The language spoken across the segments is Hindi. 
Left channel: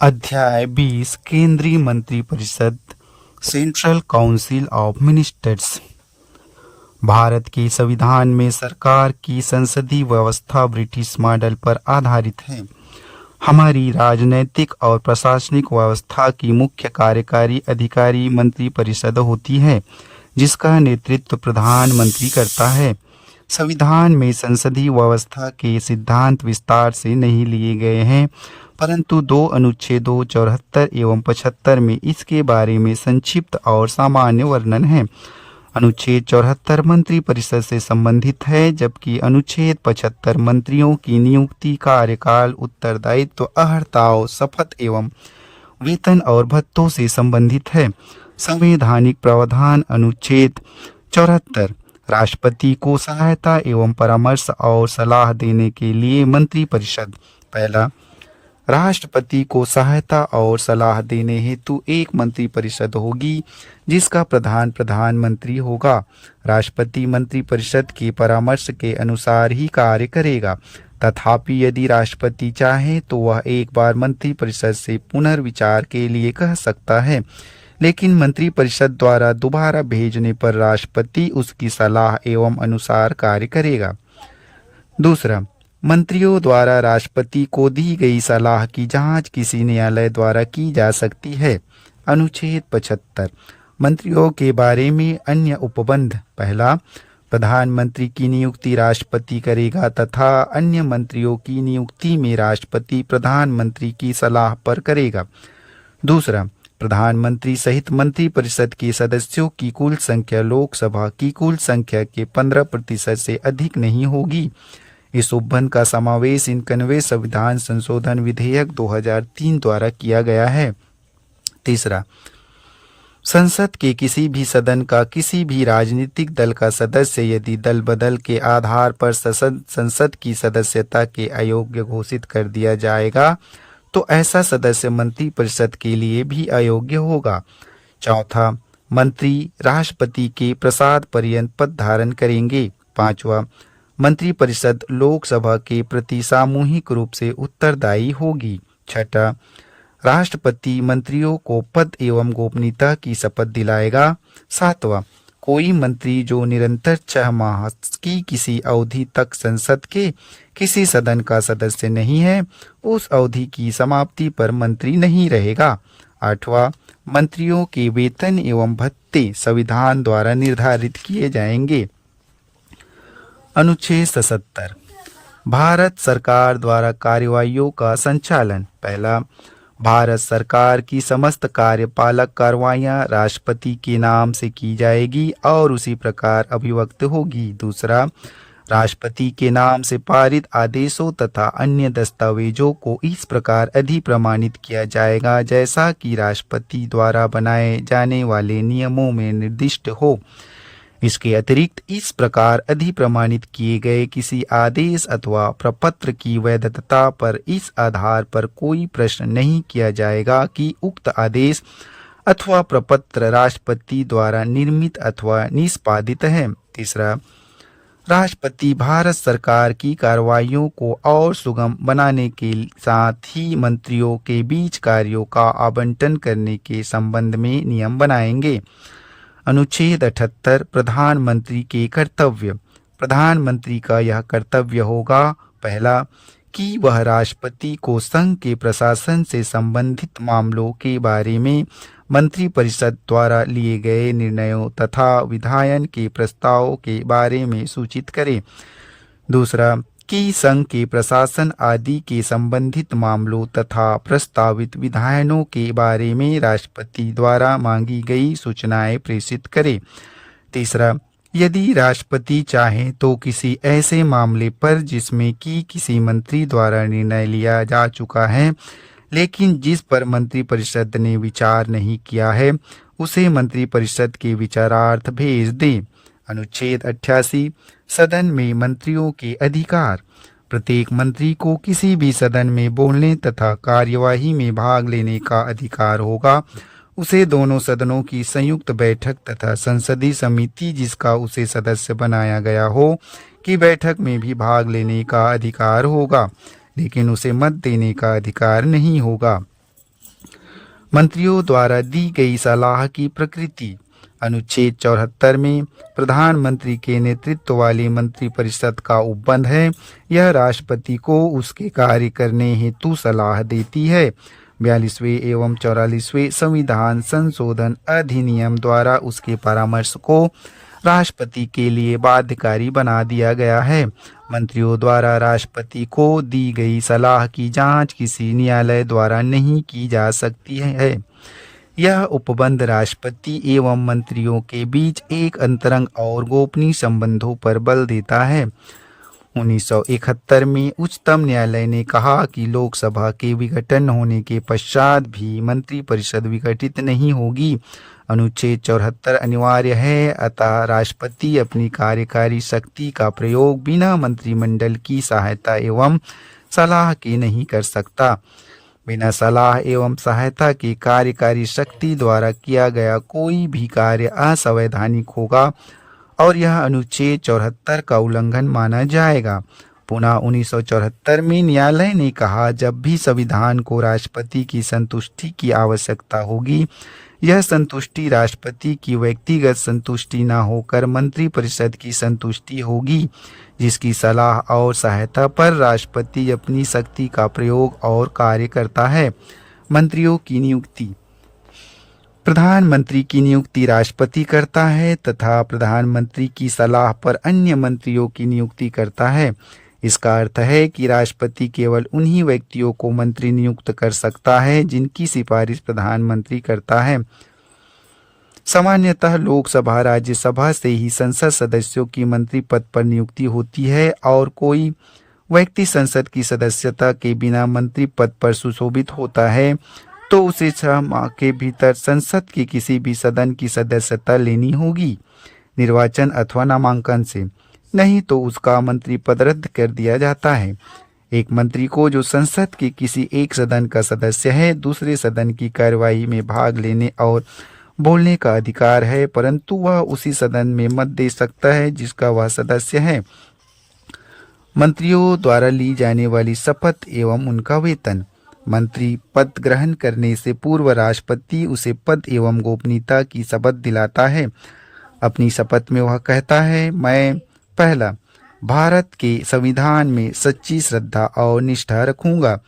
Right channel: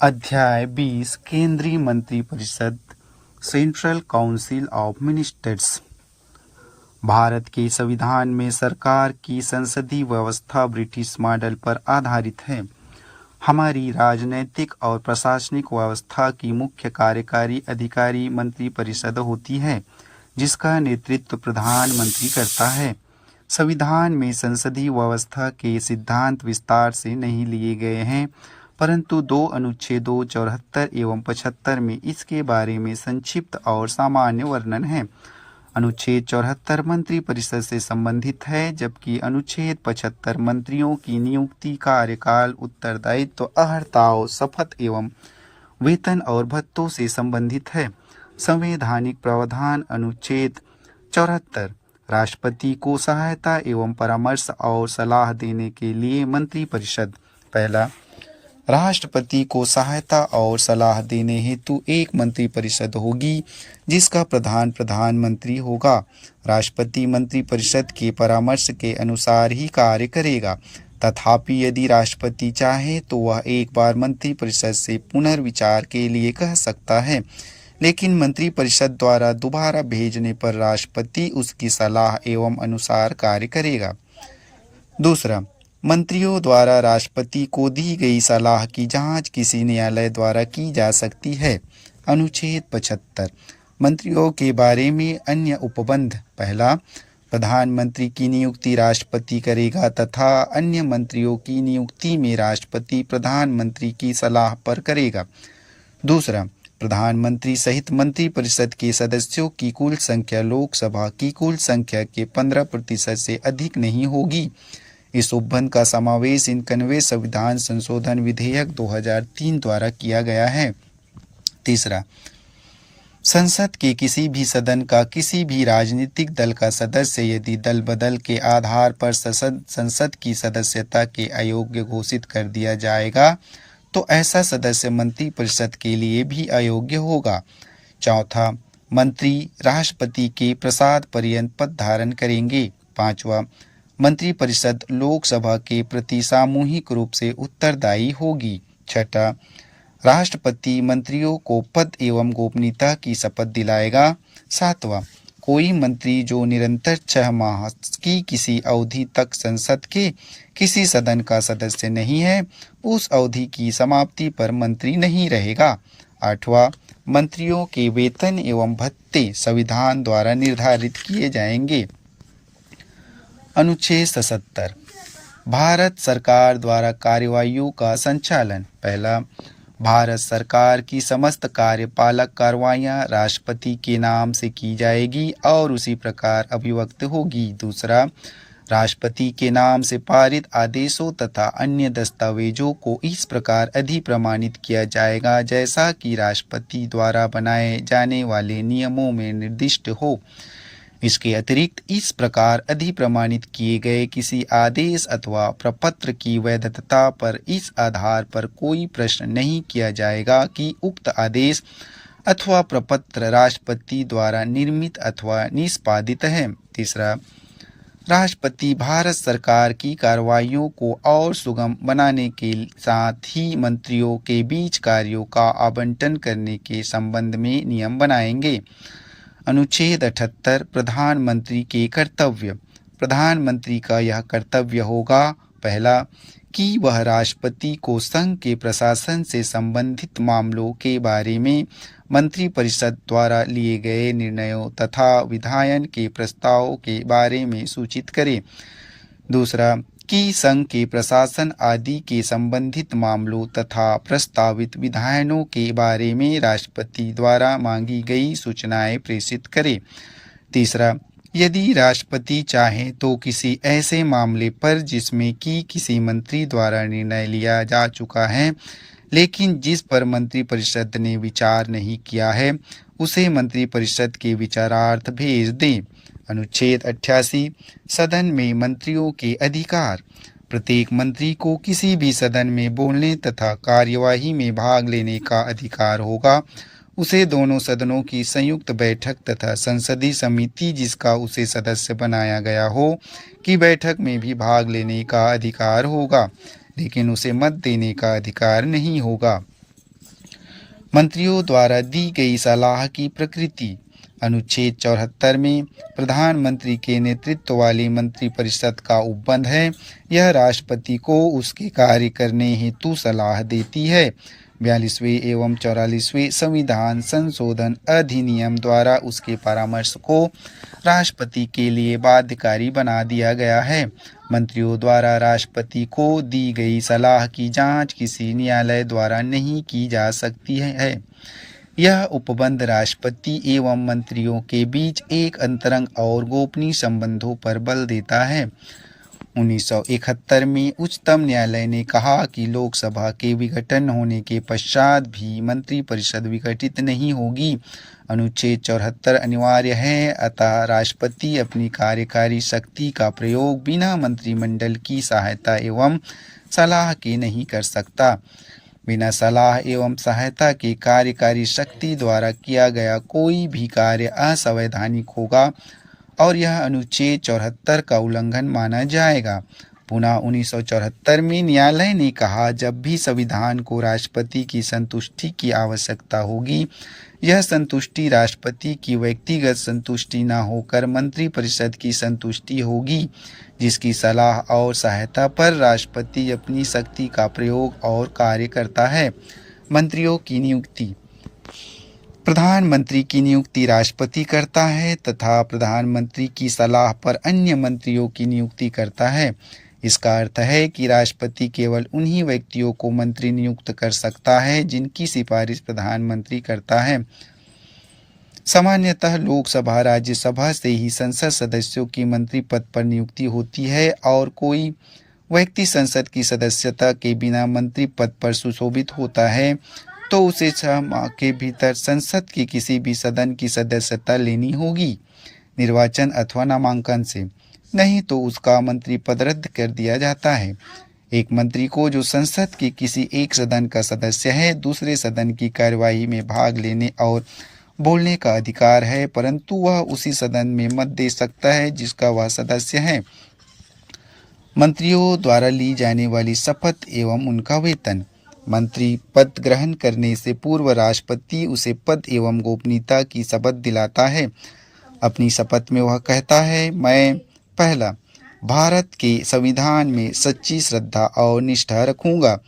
अध्याय 20 केंद्रीय मंत्रिपरिषद central council of ministers. Bharat के संविधान में सरकार की संसदीय व्यवस्था ब्रिटिश मॉडल पर आधारित है। हमारी राजनैतिक और प्रशासनिक व्यवस्था की मुख्य कार्यकारी अधिकारी मंत्रिपरिषद होती है, जिसका नेतृत्व प्रधानमंत्री करता है। संविधान में संसदीय व्यवस्था के सिद्धांत विस्तार से नहीं लिए गए हैं, परंतु दो अनुच्छेदों 74 एवं 75 में इसके बारे में संक्षिप्त और सामान्य वर्णन है। अनुच्छेद 74 मंत्रिपरिषद से संबंधित है, जबकि अनुच्छेद 75 मंत्रियों की नियुक्ति, कार्यकाल, उत्तरदायित्व, अर्हताओं, शपथ एवं वेतन और भत्तों से संबंधित है। संवैधानिक प्रावधान अनुच्छेद 74 राष्ट्रपति को सहायता एवं परामर्श और सलाह देने के लिए मंत्रिपरिषद। पहला, राष्ट्रपति को सहायता और सलाह देने हेतु एक मंत्रिपरिषद होगी, जिसका प्रधान प्रधानमंत्री होगा। राष्ट्रपति मंत्रिपरिषद के परामर्श के अनुसार ही कार्य करेगा। तथापि यदि राष्ट्रपति चाहे तो वह एक बार मंत्रिपरिषद से पुनर्विचार के लिए कह सकता है, लेकिन मंत्रिपरिषद द्वारा दोबारा भेजने पर राष्ट्रपति उसकी सलाह एवं अनुसार कार्य करेगा। दूसरा, मंत्रियों द्वारा राष्ट्रपति को दी गई सलाह की जांच किसी न्यायालय द्वारा की जा सकती है। अनुच्छेद 75 मंत्रियों के बारे में अन्य उपबंध। पहला, प्रधानमंत्री की नियुक्ति राष्ट्रपति करेगा तथा अन्य मंत्रियों की नियुक्ति में राष्ट्रपति प्रधानमंत्री की सलाह पर करेगा। दूसरा, प्रधानमंत्री सहित मंत्रिपरिषद के सदस्यों की कुल संख्या लोकसभा की कुल संख्या के 15% से अधिक नहीं होगी। इस उपबंध का समावेश 91वें संविधान संशोधन विधेयक 2003 द्वारा किया गया है। तीसरा, संसद के किसी भी सदन का किसी भी राजनीतिक दल का सदस्य यदि दल बदल के आधार पर संसद की सदस्यता के अयोग्य घोषित कर दिया जाएगा, तो ऐसा सदस्य मंत्रिपरिषद के लिए भी अयोग्य होगा। चौथा, मंत्री राष्ट्रपति के प्रसाद पर्यंत पद धारण करेंगे। पांचवा, मंत्रिपरिषद लोकसभा के प्रति सामूहिक रूप से उत्तरदायी होगी। छठा, राष्ट्रपति मंत्रियों को पद एवं गोपनीयता की शपथ दिलाएगा। सातवां, कोई मंत्री जो निरंतर 6 माह की किसी अवधि तक संसद के किसी सदन का सदस्य नहीं है, उस अवधि की समाप्ति पर मंत्री नहीं रहेगा। आठवां, मंत्रियों के वेतन एवं भत्ते संविधान द्वारा निर्धारित किए जाएंगे। अनुच्छेद 77 भारत सरकार द्वारा कार्यवाहियों का संचालन। पहला, भारत सरकार की समस्त कार्यपालक कार्रवाइयां राष्ट्रपति के नाम से की जाएगी और उसी प्रकार अभिव्यक्त होगी। दूसरा, राष्ट्रपति के नाम से पारित आदेशों तथा अन्य दस्तावेजों को इस प्रकार अधिप्रमाणित किया जाएगा जैसा कि राष्ट्रपति द्वारा बनाए जाने वाले नियमों में निर्दिष्ट हो। इसके अतिरिक्त इस प्रकार अधिप्रमाणित किए गए किसी आदेश अथवा प्रपत्र की वैधता पर इस आधार पर कोई प्रश्न नहीं किया जाएगा कि उक्त आदेश अथवा प्रपत्र राष्ट्रपति द्वारा निर्मित अथवा निष्पादित है। तीसरा, राष्ट्रपति भारत सरकार की कार्रवाइयों को और सुगम बनाने के साथ ही मंत्रियों के बीच कार्यों का आवंटन करने के संबंध में नियम बनाएंगे। अनुच्छेद 78 प्रधानमंत्री के कर्तव्य। प्रधानमंत्री का यह कर्तव्य होगा, पहला, कि वह राष्ट्रपति को संघ के प्रशासन से संबंधित मामलों के बारे में मंत्रिपरिषद द्वारा लिए गए निर्णयों तथा विधायन के प्रस्तावों के बारे में सूचित करे। दूसरा, कि संघ के प्रशासन आदि के संबंधित मामलों तथा प्रस्तावित विधायनों के बारे में राष्ट्रपति द्वारा मांगी गई सूचनाएं प्रेषित करे। तीसरा, यदि राष्ट्रपति चाहे तो किसी ऐसे मामले पर जिसमें कि किसी मंत्री द्वारा निर्णय लिया जा चुका है लेकिन जिस पर मंत्रिपरिषद ने विचार नहीं किया है, उसे मंत्रिपरिषद के विचारार्थ भेज दे। अनुच्छेद 88 सदन में मंत्रियों के अधिकार। प्रत्येक मंत्री को किसी भी सदन में बोलने तथा कार्यवाही में भाग लेने का अधिकार होगा। उसे दोनों सदनों की संयुक्त बैठक तथा संसदीय समिति जिसका उसे सदस्य बनाया गया हो की बैठक में भी भाग लेने का अधिकार होगा, लेकिन उसे मत देने का अधिकार नहीं होगा। मंत्रियों द्वारा दी गई सलाह की प्रकृति। अनुच्छेद 74 में प्रधानमंत्री के नेतृत्व वाली मंत्रिपरिषद का उपबंध है। यह राष्ट्रपति को उसके कार्य करने हेतु सलाह देती है। 42वें एवं 44वें संविधान संशोधन अधिनियम द्वारा उसके परामर्श को राष्ट्रपति के लिए बाध्यकारी बना दिया गया है। मंत्रियों द्वारा राष्ट्रपति को दी गई सलाह की जांच किसी न्यायालय द्वारा नहीं की जा सकती है। यह उपबंध राष्ट्रपति एवं मंत्रियों के बीच एक अंतरंग और गोपनीय संबंधों पर बल देता है। 1971 में उच्चतम न्यायालय ने कहा कि लोकसभा के विघटन होने के पश्चात भी मंत्रिपरिषद विघटित नहीं होगी। अनुच्छेद 74 अनिवार्य है, अतः राष्ट्रपति अपनी कार्यकारी शक्ति का प्रयोग बिना मंत्रिमंडल की सहायता एवं सलाह के नहीं कर सकता। बिना सलाह एवं सहायता की कार्यकारी शक्ति द्वारा किया गया कोई भी कार्य असंवैधानिक होगा और यह अनुच्छेद 74 का उल्लंघन माना जाएगा। पुनः 1974 में न्यायालय ने कहा, जब भी संविधान को राष्ट्रपति की संतुष्टि की आवश्यकता होगी, यह संतुष्टि राष्ट्रपति की व्यक्तिगत संतुष्टि न होकर मंत्रिपरिषद की संतुष्टि होगी, जिसकी सलाह और सहायता पर राष्ट्रपति अपनी शक्ति का प्रयोग और कार्य करता है। मंत्रियों की नियुक्ति। प्रधानमंत्री की नियुक्ति राष्ट्रपति करता है तथा प्रधानमंत्री की सलाह पर अन्य मंत्रियों की नियुक्ति करता है। इसका अर्थ है कि राष्ट्रपति केवल उन्हीं व्यक्तियों को मंत्री नियुक्त कर सकता है जिनकी सिफारिश प्रधानमंत्री करता है। सामान्यतः लोकसभा राज्यसभा से ही संसद सदस्यों की मंत्री पद पर नियुक्ति होती है और कोई व्यक्ति संसद की सदस्यता के बिना मंत्री पद पर सुशोभित होता है तो उसे 6 माह के भीतर संसद के किसी भी सदन की सदस्यता लेनी होगी, निर्वाचन अथवा नामांकन से, नहीं तो उसका मंत्री पद रद्द कर दिया जाता है। एक मंत्री को जो संसद के किसी एक सदन का सदस्य है, दूसरे सदन की कार्यवाही में भाग लेने और बोलने का अधिकार है, परंतु वह उसी सदन में मत दे सकता है जिसका वह सदस्य है। मंत्रियों द्वारा ली जाने वाली शपथ एवं उनका वेतन। मंत्री पद ग्रहण करने से पूर्व राष्ट्रपति उसे पद एवं गोपनीयता की शपथ दिलाता है। अपनी शपथ में वह कहता है, मैं पहला, भारत के संविधान में सच्ची श्रद्धा और निष्ठा रखूंगा।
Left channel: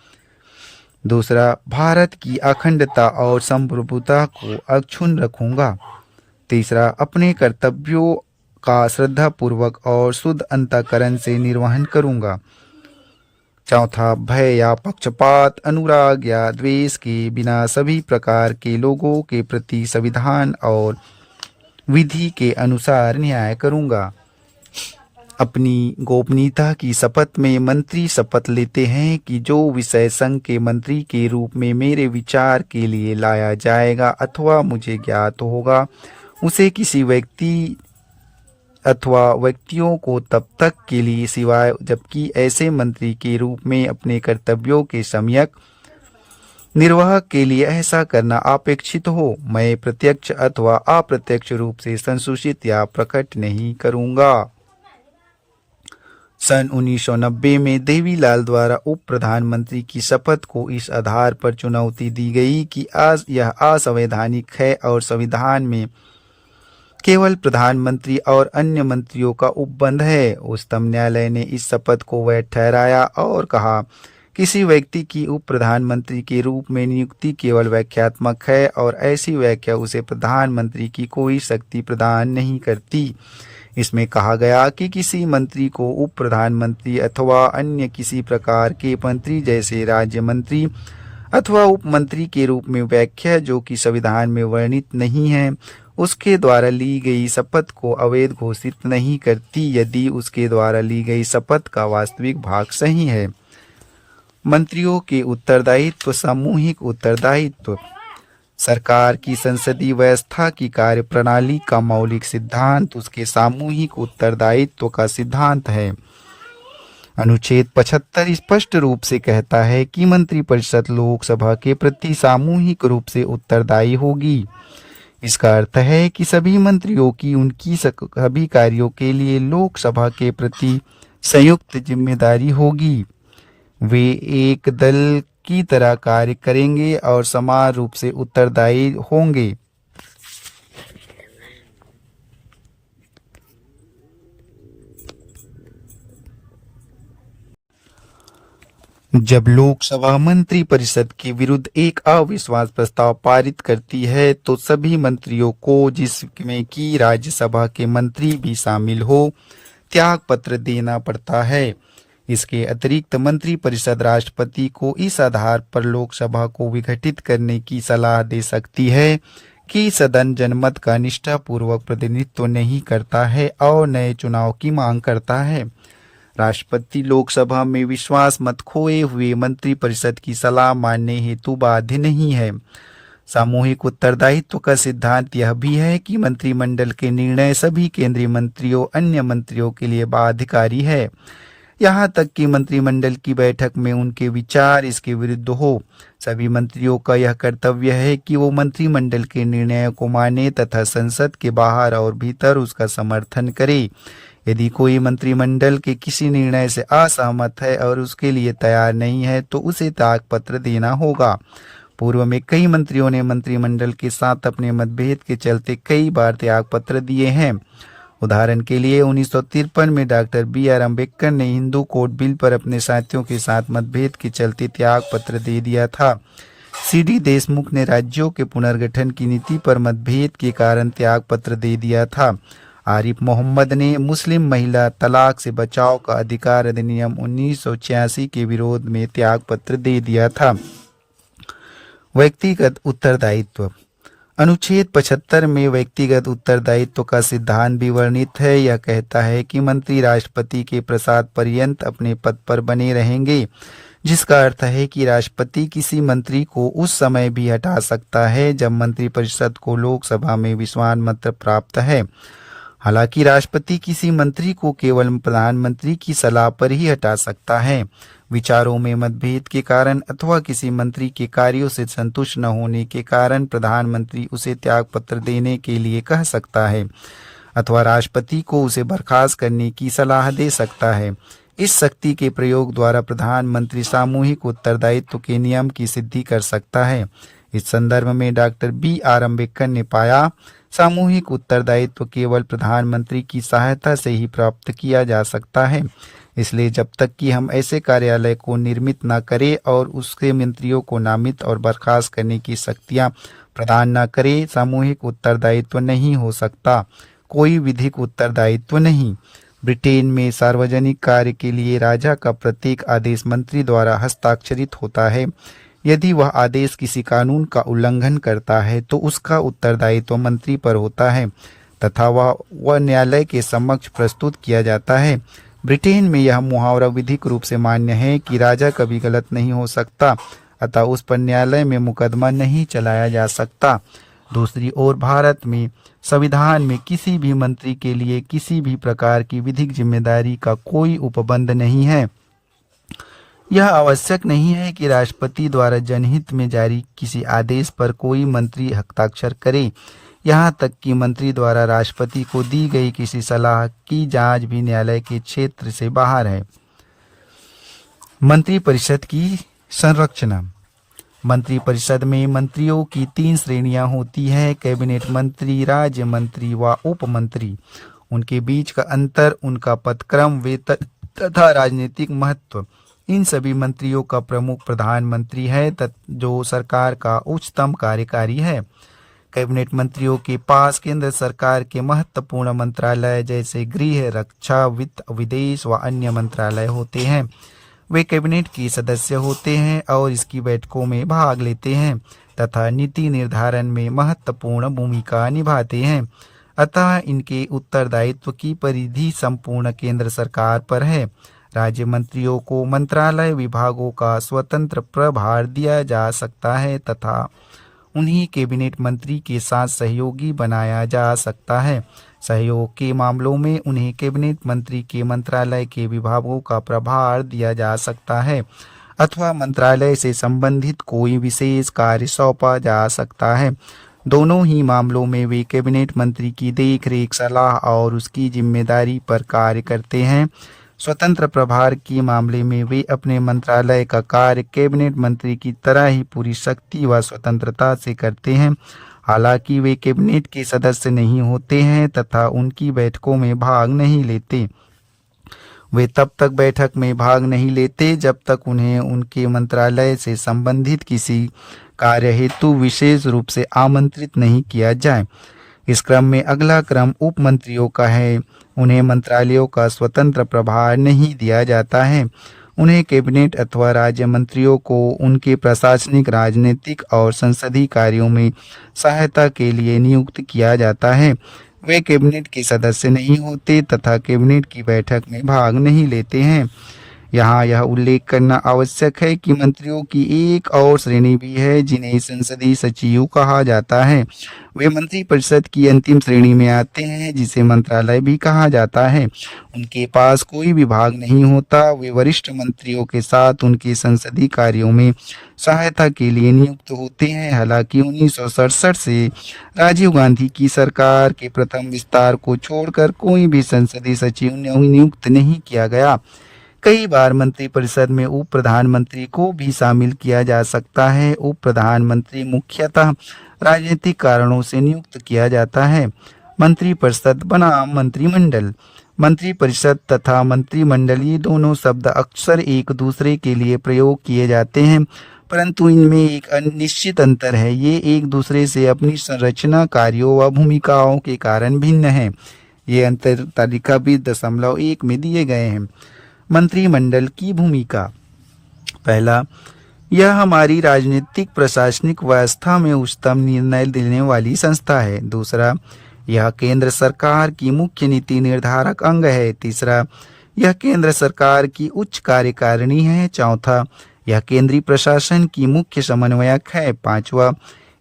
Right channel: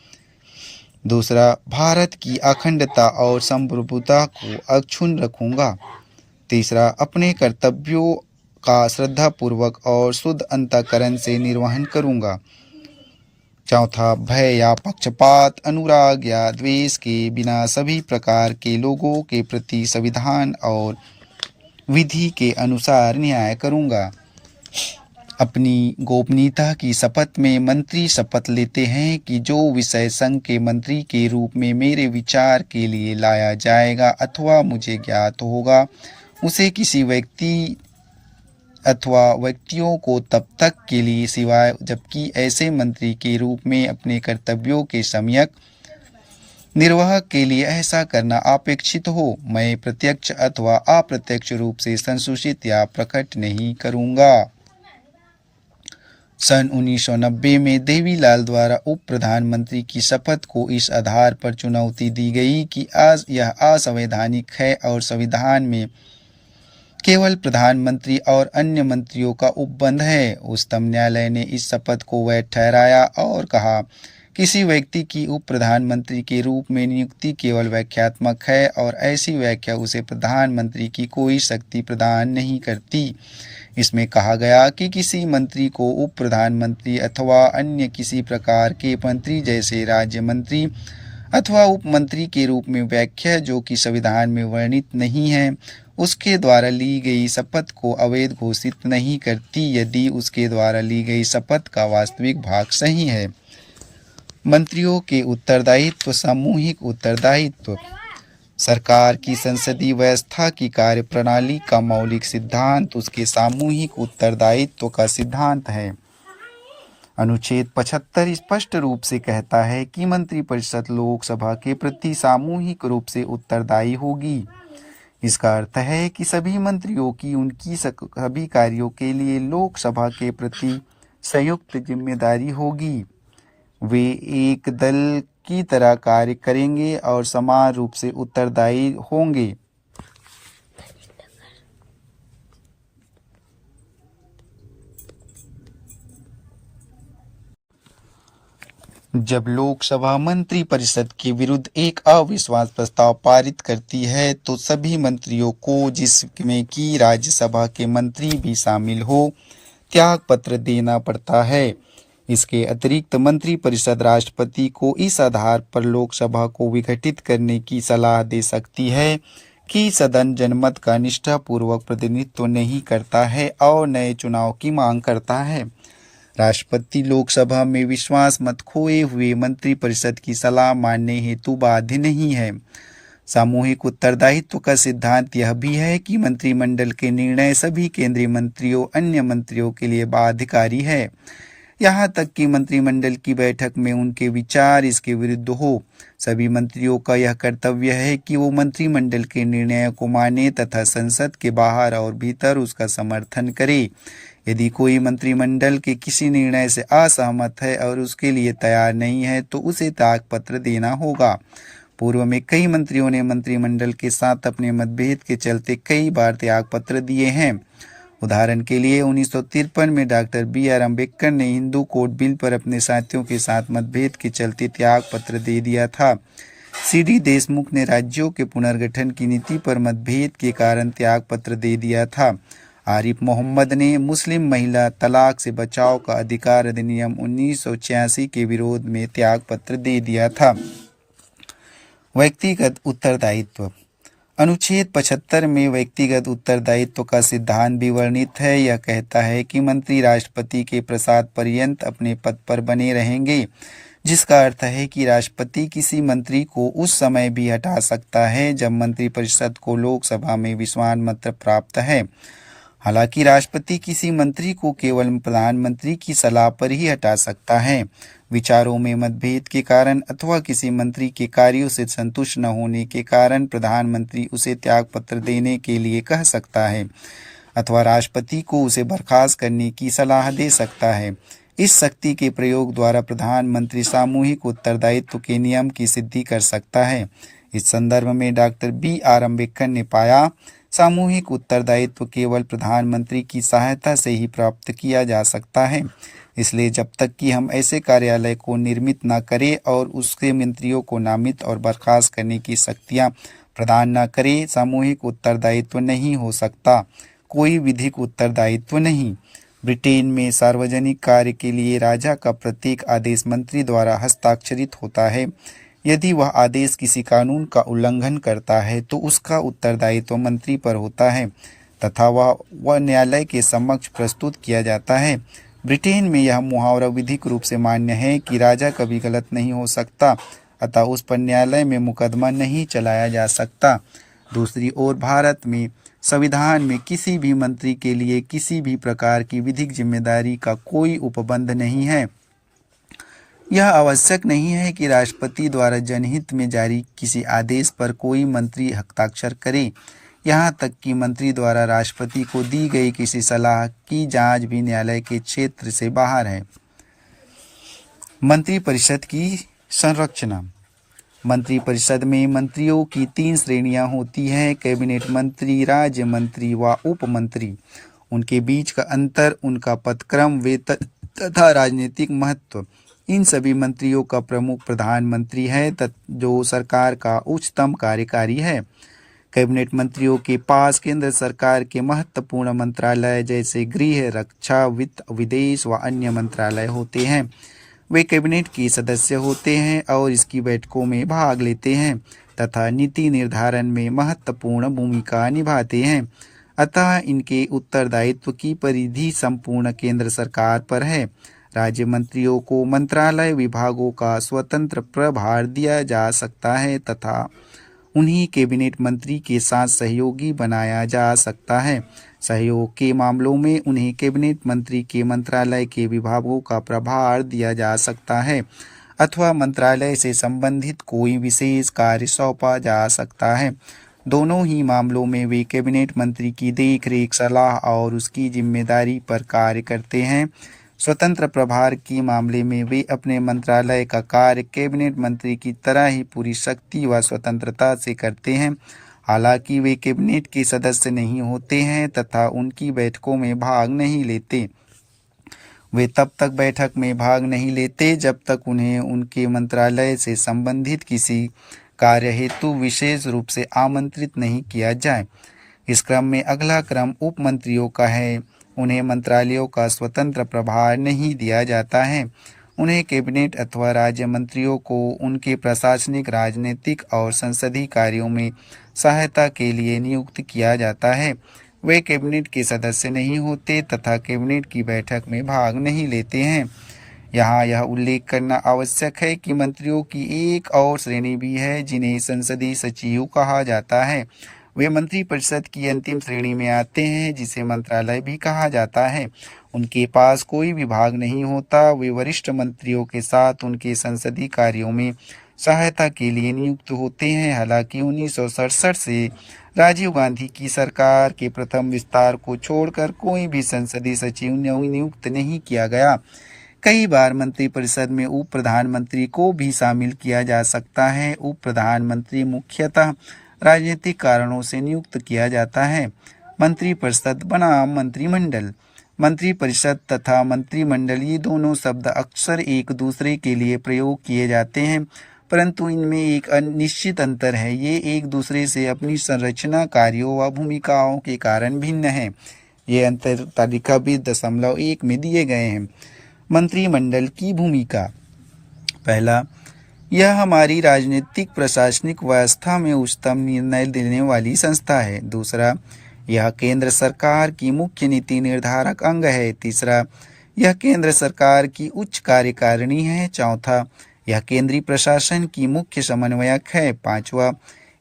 दूसरा, भारत की अखंडता और संप्रभुता को अक्षुण्ण रखूंगा। तीसरा, अपने कर्तव्यों का श्रद्धापूर्वक और शुद्ध अंतःकरण से निर्वहन करूंगा। चौथा, भय या पक्षपात, अनुराग या द्वेष के बिना सभी प्रकार के लोगों के प्रति संविधान और विधि के अनुसार न्याय करूंगा। अपनी गोपनीयता की शपथ में मंत्री शपथ लेते हैं कि जो विषय संघ के मंत्री के रूप में मेरे विचार के लिए लाया जाएगा अथवा मुझे ज्ञात होगा, उसे किसी व्यक्ति अथवा व्यक्तियों को तब तक के लिए सिवाय जबकि ऐसे मंत्री के रूप में अपने कर्तव्यों के सम्यक निर्वाह के लिए ऐसा करना अपेक्षित हो, मैं प्रत्यक्ष अथवा अप्रत्यक्ष रूप से संसूचित या प्रकट नहीं करूंगा। सन 1990 में देवीलाल द्वारा उप प्रधानमंत्री की शपथ को इस आधार पर चुनौती दी गई कि आज यह असंवैधानिक है और संविधान में केवल प्रधानमंत्री और अन्य मंत्रियों का उपबंध है। उच्चतम न्यायालय ने इस शपथ को वैध ठहराया और कहा, किसी व्यक्ति की उप प्रधानमंत्री के रूप में नियुक्ति केवल व्याख्यात्मक है और ऐसी व्याख्या उसे प्रधानमंत्री की कोई शक्ति प्रदान नहीं करती। इसमें कहा गया कि किसी मंत्री को उप प्रधानमंत्री अथवा अन्य किसी प्रकार के मंत्री जैसे राज्य मंत्री अथवा उप मंत्री के रूप में व्याख्या जो कि संविधान में वर्णित नहीं है, उसके द्वारा ली गई शपथ को अवैध घोषित नहीं करती यदि उसके द्वारा ली गई शपथ का वास्तविक भाग सही है। मंत्रियों के उत्तरदायित्व। सामूहिक उत्तरदायित्व सरकार की संसदीय व्यवस्था की कार्यप्रणाली का मौलिक सिद्धांत उसके सामूहिक उत्तरदायित्व का सिद्धांत है। अनुच्छेद 75 स्पष्ट रूप से कहता है कि मंत्रिपरिषद लोकसभा के प्रति सामूहिक रूप से उत्तरदायी होगी। इसका अर्थ है कि सभी मंत्रियों की उनकी सभी कार्यों के लिए लोकसभा के प्रति संयुक्त जिम्मेदारी होगी। वे एक दल की तरह कार्य करेंगे और समान रूप से उत्तरदायी होंगे। जब लोकसभा मंत्रिपरिषद के विरुद्ध एक अविश्वास प्रस्ताव पारित करती है तो सभी मंत्रियों को, जिसमें कि राज्यसभा के मंत्री भी शामिल हो, त्याग पत्र देना पड़ता है। इसके अतिरिक्त मंत्रिपरिषद राष्ट्रपति को इस आधार पर लोकसभा को विघटित करने की सलाह दे सकती है कि सदन जनमत का निष्ठापूर्वक प्रतिनिधित्व नहीं करता है और नए चुनाव की मांग करता है। राष्ट्रपति लोकसभा में विश्वास मत खोए हुए मंत्रिपरिषद की सलाह मानने हेतु बाध्य नहीं है। सामूहिक उत्तरदायित्व का सिद्धांत यह भी है कि मंत्रिमंडल के निर्णय सभी केंद्रीय मंत्रियों अन्य मंत्रियों के लिए बाध्यकारी है, यहाँ तक कि मंत्रिमंडल की बैठक में उनके विचार इसके विरुद्ध हो। सभी मंत्रियों का यह कर्तव्य है कि वो मंत्रिमंडल के निर्णयों को माने तथा संसद के बाहर और भीतर उसका समर्थन करे। यदि कोई मंत्रिमंडल के किसी निर्णय से असहमत है और उसके लिए तैयार नहीं है तो उसे त्याग पत्र देना होगा। पूर्व में कई मंत्रियों ने मंत्रिमंडल के साथ अपने मतभेद के चलते कई बार त्याग पत्र दिए हैं। उदाहरण के लिए 1953 में डॉक्टर B.R. अम्बेडकर ने हिंदू कोड बिल पर अपने साथियों के साथ मतभेद के चलते त्याग पत्र दे दिया था। C.D. देशमुख ने राज्यों के पुनर्गठन की नीति पर मतभेद के कारण त्याग पत्र दे दिया था। आरिफ मोहम्मद ने मुस्लिम महिला तलाक से बचाव का अधिकार अधिनियम 1986 के विरोध में त्याग पत्र दे दिया था। व्यक्तिगत उत्तरदायित्व। अनुच्छेद 75 में व्यक्तिगत उत्तरदायित्व का सिद्धांत भी वर्णित है। यह कहता है कि मंत्री राष्ट्रपति के प्रसाद पर्यंत अपने पद पर बने रहेंगे, जिसका अर्थ है कि राष्ट्रपति किसी मंत्री को उस समय भी हटा सकता है जब मंत्रिपरिषद को लोकसभा में विश्वास मत प्राप्त है। हालांकि राष्ट्रपति किसी मंत्री को केवल प्रधानमंत्री की सलाह पर ही हटा सकता है। विचारों में मतभेद के कारण अथवा किसी मंत्री के कार्यों से संतुष्ट न होने के कारण प्रधानमंत्री उसे त्याग पत्र देने के लिए कह सकता है अथवा राष्ट्रपति को उसे बर्खास्त करने की सलाह दे सकता है। इस शक्ति के प्रयोग द्वारा प्रधानमंत्री सामूहिक उत्तरदायित्व के नियम की सिद्धि कर सकता है। इस संदर्भ में डॉक्टर B.R. अम्बेडकर ने पाया, सामूहिक उत्तरदायित्व केवल प्रधानमंत्री की सहायता से ही प्राप्त किया जा सकता है। इसलिए जब तक कि हम ऐसे कार्यालय को निर्मित न करें और उसके मंत्रियों को नामित और बर्खास्त करने की शक्तियां प्रदान न करें, सामूहिक उत्तरदायित्व नहीं हो सकता, कोई विधिक उत्तरदायित्व नहीं। ब्रिटेन में सार्वजनिक कार्य के लिए राजा का प्रत्येक आदेश मंत्री द्वारा हस्ताक्षरित होता है। यदि वह आदेश किसी कानून का उल्लंघन करता है तो उसका उत्तरदायित्व मंत्री पर होता है तथा वह न्यायालय के समक्ष प्रस्तुत किया जाता है। ब्रिटेन में यह मुहावरा विधिक रूप से मान्य है कि राजा कभी गलत नहीं हो सकता, अतः उस पर न्यायालय में मुकदमा नहीं चलाया जा सकता। दूसरी ओर भारत में संविधान में किसी भी मंत्री के लिए किसी भी प्रकार की विधिक जिम्मेदारी का कोई उपबंध नहीं है। यह आवश्यक नहीं है कि राष्ट्रपति द्वारा जनहित में जारी किसी आदेश पर कोई मंत्री हस्ताक्षर करे। यहाँ तक कि मंत्री द्वारा राष्ट्रपति को दी गई किसी सलाह की जांच भी न्यायालय के क्षेत्र से बाहर है। मंत्रिपरिषद की संरचना। मंत्रिपरिषद में मंत्रियों की 3 श्रेणियां होती हैं: कैबिनेट मंत्री, राज्य मंत्री व उप मंत्री। उनके बीच का अंतर उनका पदक्रम, वेतन तथा राजनीतिक महत्व। इन सभी मंत्रियों का प्रमुख प्रधानमंत्री है जो सरकार का उच्चतम कार्यकारी है। कैबिनेट मंत्रियों के पास केंद्र सरकार के महत्वपूर्ण मंत्रालय जैसे गृह, रक्षा, वित्त, विदेश व अन्य मंत्रालय होते हैं। वे कैबिनेट के सदस्य होते हैं और इसकी बैठकों में भाग लेते हैं तथा नीति निर्धारण में महत्वपूर्ण भूमिका निभाते हैं। अतः इनके उत्तरदायित्व की परिधि संपूर्ण केंद्र सरकार पर है। राज्य मंत्रियों को मंत्रालय विभागों का स्वतंत्र प्रभार दिया जा सकता है तथा उन्हीं कैबिनेट मंत्री के साथ सहयोगी बनाया जा सकता है। सहयोग के मामलों में उन्हें कैबिनेट मंत्री के मंत्रालय के विभागों का प्रभार दिया जा सकता है अथवा मंत्रालय से संबंधित कोई विशेष कार्य सौंपा जा सकता है। दोनों ही मामलों में वे कैबिनेट मंत्री की देखरेख, सलाह और उसकी जिम्मेदारी पर कार्य करते हैं। स्वतंत्र प्रभार के मामले में वे अपने मंत्रालय का कार्य कैबिनेट मंत्री की तरह ही पूरी शक्ति व स्वतंत्रता से करते हैं। हालांकि वे कैबिनेट के सदस्य नहीं होते हैं तथा उनकी बैठकों में भाग नहीं लेते। वे तब तक बैठक में भाग नहीं लेते जब तक उन्हें उनके मंत्रालय से संबंधित किसी कार्य हेतु विशेष रूप से आमंत्रित नहीं किया जाए। इस क्रम में अगला क्रम उप मंत्रियों का है। उन्हें मंत्रालयों का स्वतंत्र प्रभार नहीं दिया जाता है। उन्हें कैबिनेट अथवा राज्य मंत्रियों को उनके प्रशासनिक, राजनीतिक और संसदीय कार्यों में सहायता के लिए नियुक्त किया जाता है। वे कैबिनेट के सदस्य नहीं होते तथा कैबिनेट की बैठक में भाग नहीं लेते हैं। यहाँ यह उल्लेख करना आवश्यक है कि मंत्रियों की एक और श्रेणी भी है जिन्हें संसदीय सचिव कहा जाता है। वे मंत्री परिषद की अंतिम श्रेणी में आते हैं जिसे मंत्रालय भी कहा जाता है। उनके पास कोई विभाग नहीं होता। वे वरिष्ठ मंत्रियों के साथ उनके संसदीय कार्यों में सहायता के लिए नियुक्त होते हैं। हालांकि 1967 से राजीव गांधी की सरकार के प्रथम विस्तार को छोड़कर कोई भी संसदीय सचिव नियुक्त नहीं किया गया। कई बार मंत्रिपरिषद में उप प्रधानमंत्री को भी शामिल किया जा सकता है। उप प्रधानमंत्री मुख्यतः राजनीतिक कारणों से नियुक्त किया जाता है। मंत्रिपरिषद बनाम मंत्रिमंडल। मंत्रिपरिषद तथा मंत्रिमंडल ये दोनों शब्द अक्सर एक दूसरे के लिए प्रयोग किए जाते हैं, परंतु इनमें एक निश्चित अंतर है। ये एक दूसरे से अपनी संरचना, कार्यों व भूमिकाओं के कारण भिन्न हैं। ये अंतर तालिका 20.1 में दिए गए हैं। मंत्रिमंडल की भूमिका। पहला, यह हमारी राजनीतिक प्रशासनिक व्यवस्था में उच्चतम निर्णय देने वाली संस्था है। दूसरा, यह केंद्र सरकार की मुख्य नीति निर्धारक अंग है। तीसरा, यह केंद्र सरकार की उच्च कार्यकारिणी है। चौथा, यह केंद्रीय प्रशासन की मुख्य समन्वयक है। पांचवा,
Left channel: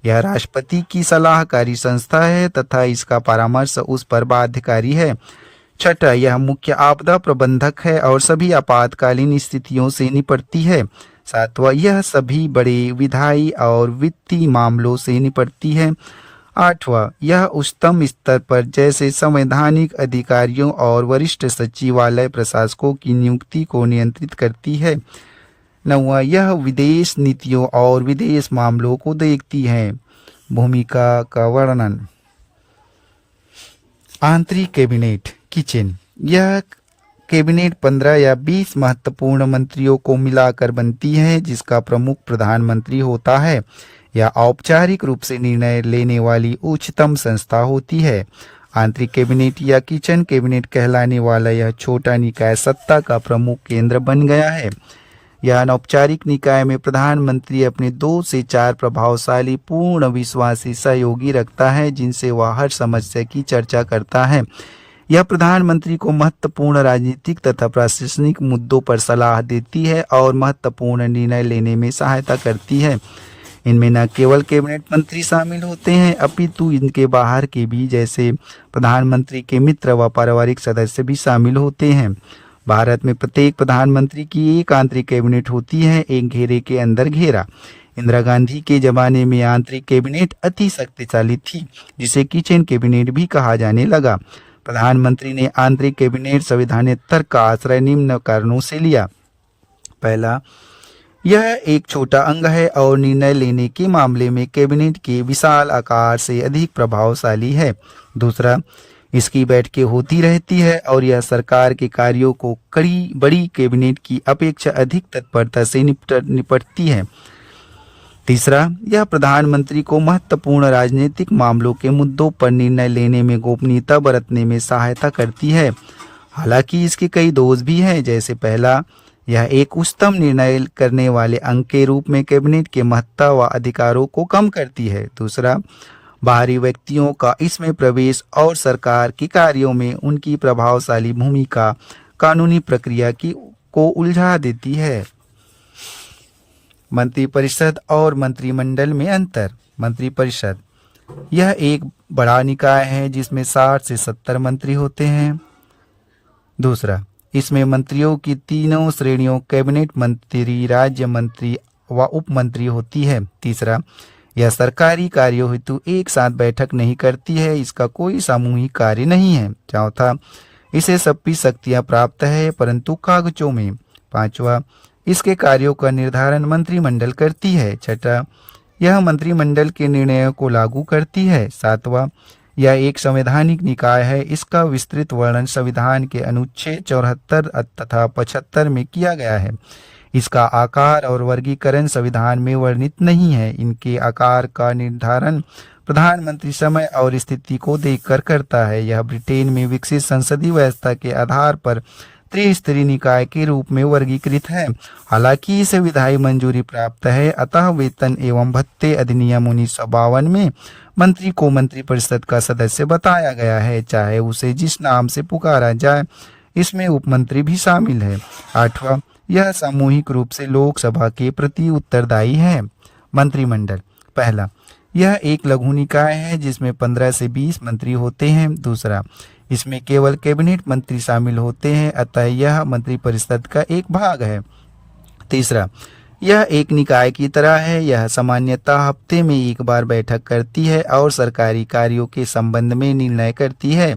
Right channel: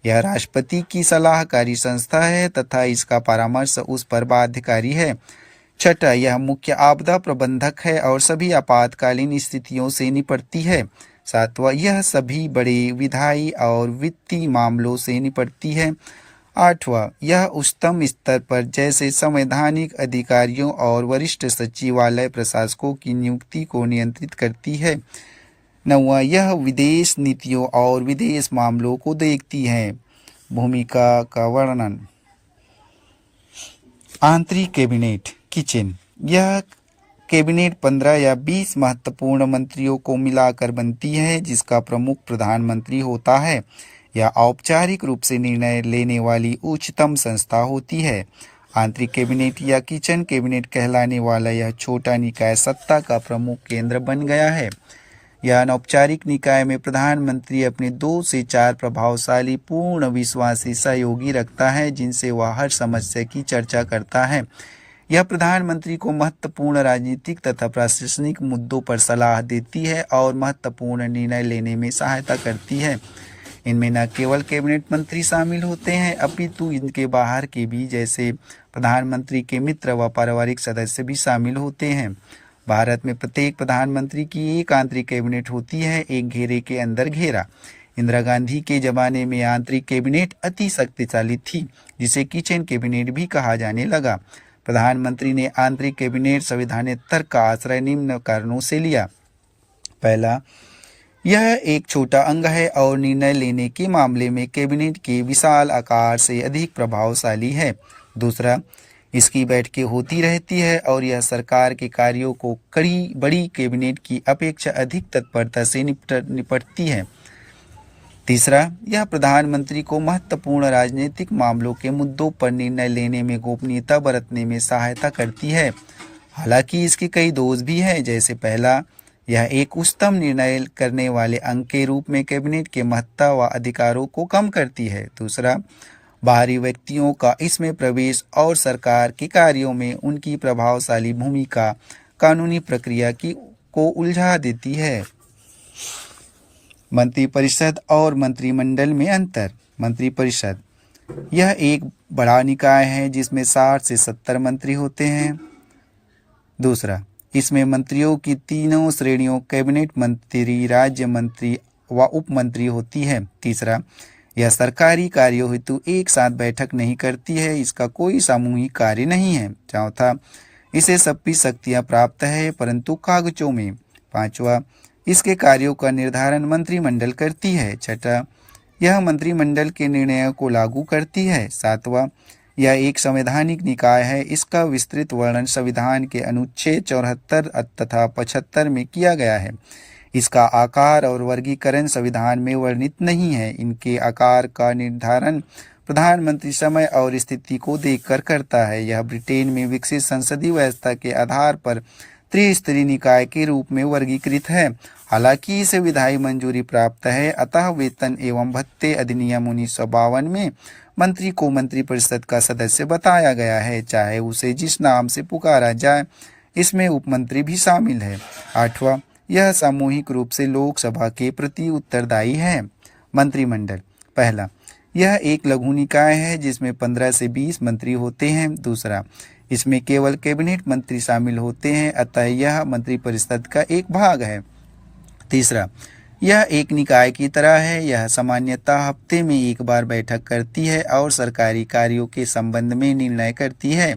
यह राष्ट्रपति की सलाहकारी संस्था है तथा इसका परामर्श उस पर बाध्यकारी है। छठा, यह मुख्य आपदा प्रबंधक है और सभी आपातकालीन स्थितियों से निपटती है। सातवां, यह सभी बड़े विधायी और वित्तीय मामलों से निपटती है। आठवां, यह उच्चतम स्तर पर जैसे संवैधानिक अधिकारियों और वरिष्ठ सचिवालय प्रशासकों की नियुक्ति को नियंत्रित करती है। नौवां, यह विदेश नीतियों और विदेश मामलों को देखती है। भूमिका का वर्णन। आंतरिक कैबिनेट किचन। यह कैबिनेट 15 या 20 महत्वपूर्ण मंत्रियों को मिलाकर बनती है जिसका प्रमुख प्रधानमंत्री होता है। यह औपचारिक रूप से निर्णय लेने वाली उच्चतम संस्था होती है। आंतरिक कैबिनेट या किचन कैबिनेट कहलाने वाला यह छोटा निकाय सत्ता का प्रमुख केंद्र बन गया है। यह अनौपचारिक निकाय में प्रधानमंत्री अपने 2 से 4 प्रभावशाली पूर्ण विश्वासी सहयोगी रखता है जिनसे वह हर समस्या की चर्चा करता है। यह प्रधानमंत्री को महत्वपूर्ण राजनीतिक तथा प्रशासनिक मुद्दों पर सलाह देती है और महत्वपूर्ण निर्णय लेने में सहायता करती है। इनमें न केवल कैबिनेट मंत्री शामिल होते हैं अपितु इनके बाहर के भी जैसे प्रधानमंत्री के मित्र व पारिवारिक सदस्य भी शामिल होते हैं। भारत में प्रत्येक प्रधानमंत्री की एक आंतरिक कैबिनेट होती है, एक घेरे के अंदर घेरा। इंदिरा गांधी के जमाने में आंतरिक कैबिनेट अति शक्तिशाली थी जिसे किचन कैबिनेट भी कहा जाने लगा। प्रधानमंत्री ने आंतरिक कैबिनेट संविधानेतर का आश्रय निम्न कारणों से लिया। पहला, यह एक छोटा अंग है और निर्णय लेने के मामले में कैबिनेट के विशाल आकार से अधिक प्रभावशाली है। दूसरा, इसकी बैठकें होती रहती है और यह सरकार के कार्यों को बड़ी कैबिनेट की अपेक्षा अधिक तत्परता से निपटती है। तीसरा, यह प्रधानमंत्री को महत्वपूर्ण राजनीतिक मामलों के मुद्दों पर निर्णय लेने में गोपनीयता बरतने में सहायता करती है। हालांकि इसके कई दोष भी हैं, जैसे पहला, यह एक उच्चतम निर्णय करने वाले अंग के रूप में कैबिनेट के महत्ता व अधिकारों को कम करती है। दूसरा, बाहरी व्यक्तियों का इसमें प्रवेश और सरकार के कार्यों में उनकी प्रभावशाली भूमिका कानूनी प्रक्रिया को उलझा देती है। मंत्रिपरिषद और मंत्रिमंडल में अंतर। मंत्रिपरिषद यह एक बड़ा निकाय है जिसमें 60 से 70 मंत्री होते हैं। दूसरा, इसमें मंत्रियों की तीनों श्रेणियों कैबिनेट मंत्री, राज्य मंत्री व उप मंत्री होती है। तीसरा, यह सरकारी कार्यों हेतु एक साथ बैठक नहीं करती है, इसका कोई सामूहिक कार्य नहीं है। चौथा, इसे सबकी शक्तियां प्राप्त है परंतु कागजों में। 5वां, इसके कार्यों का निर्धारण मंत्रिमंडल करती है। 6वां, यह मंत्रिमंडल के निर्णयों को लागू करती है। 7वां, यह एक संवैधानिक निकाय है। इसका विस्तृत वर्णन संविधान के अनुच्छेद 74 तथा 75 में किया गया है। इसका आकार और वर्गीकरण संविधान में वर्णित नहीं है। इनके आकार का निर्धारण प्रधानमंत्री समय और स्थिति को देखकर करता है। यह ब्रिटेन में विकसित संसदीय व्यवस्था के आधार पर त्रिस्तरीय निकाय के रूप में वर्गीकृत है। हालांकि इसे विधायी मंजूरी प्राप्त है, अतः वेतन एवं भत्ते अधिनियम 1952 में मंत्री को मंत्रिपरिषद का सदस्य बताया गया है, चाहे उसे जिस नाम से पुकारा जाए। इसमें उपमंत्री भी शामिल है। 8वां, यह सामूहिक रूप से लोकसभा के प्रति उत्तरदायी है। मंत्रिमंडल। पहला, यह एक लघु निकाय है जिसमें 15 से 20 मंत्री होते हैं। दूसरा, इसमें केवल कैबिनेट मंत्री शामिल होते हैं, अतः यह मंत्रिपरिषद का एक भाग है। तीसरा, यह एक निकाय की तरह है। यह सामान्यतः हफ्ते में एक बार बैठक करती है और सरकारी कार्यों के संबंध में निर्णय करती है।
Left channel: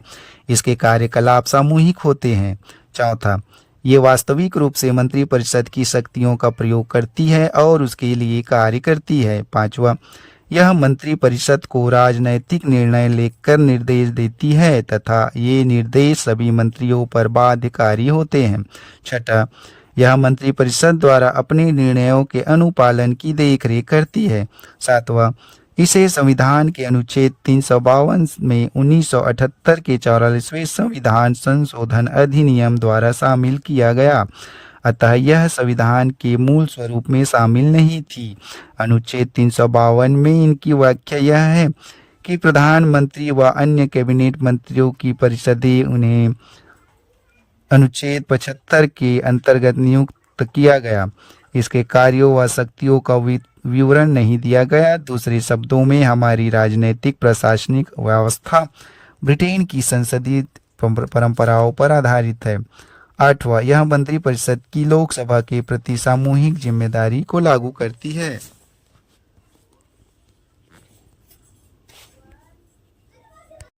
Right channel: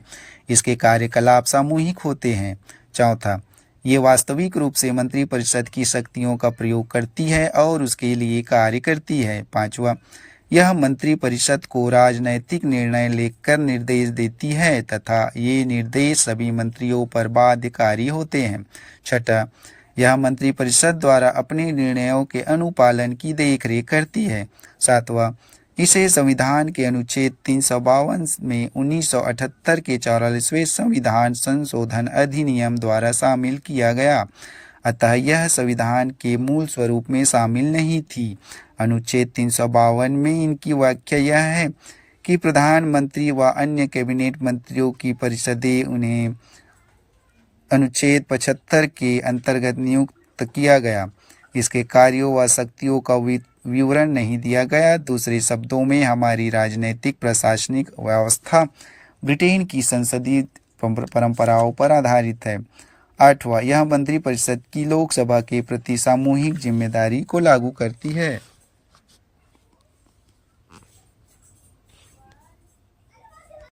इसके कार्यकलाप सामूहिक होते हैं। चौथा, ये वास्तविक रूप से मंत्रिपरिषद की शक्तियों का प्रयोग करती है और उसके लिए कार्य करती है। 5वां, यह मंत्रिपरिषद को राजनैतिक निर्णय लेकर निर्देश देती है तथा ये निर्देश सभी मंत्रियों पर बाध्यकारी होते हैं। 6वां, यह मंत्रिपरिषद द्वारा अपने निर्णयों के अनुपालन की देखरेख करती है। 7वां, इसे संविधान के अनुच्छेद 352 में 1978 के 44वें संविधान संशोधन अधिनियम द्वारा शामिल किया गया, अतः यह संविधान के मूल स्वरूप में शामिल नहीं थी। अनुच्छेद 352 में इनकी व्याख्या यह है कि प्रधानमंत्री व अन्य कैबिनेट मंत्रियों की परिषदें उन्हें अनुच्छेद 75 के अंतर्गत नियुक्त किया गया। इसके कार्यों व शक्तियों का विवरण नहीं दिया गया। दूसरे शब्दों में, हमारी राजनीतिक प्रशासनिक व्यवस्था ब्रिटेन की संसदीय परंपराओं पर आधारित है। 8वां, यह मंत्रिपरिषद की लोकसभा के प्रति सामूहिक जिम्मेदारी को लागू करती है।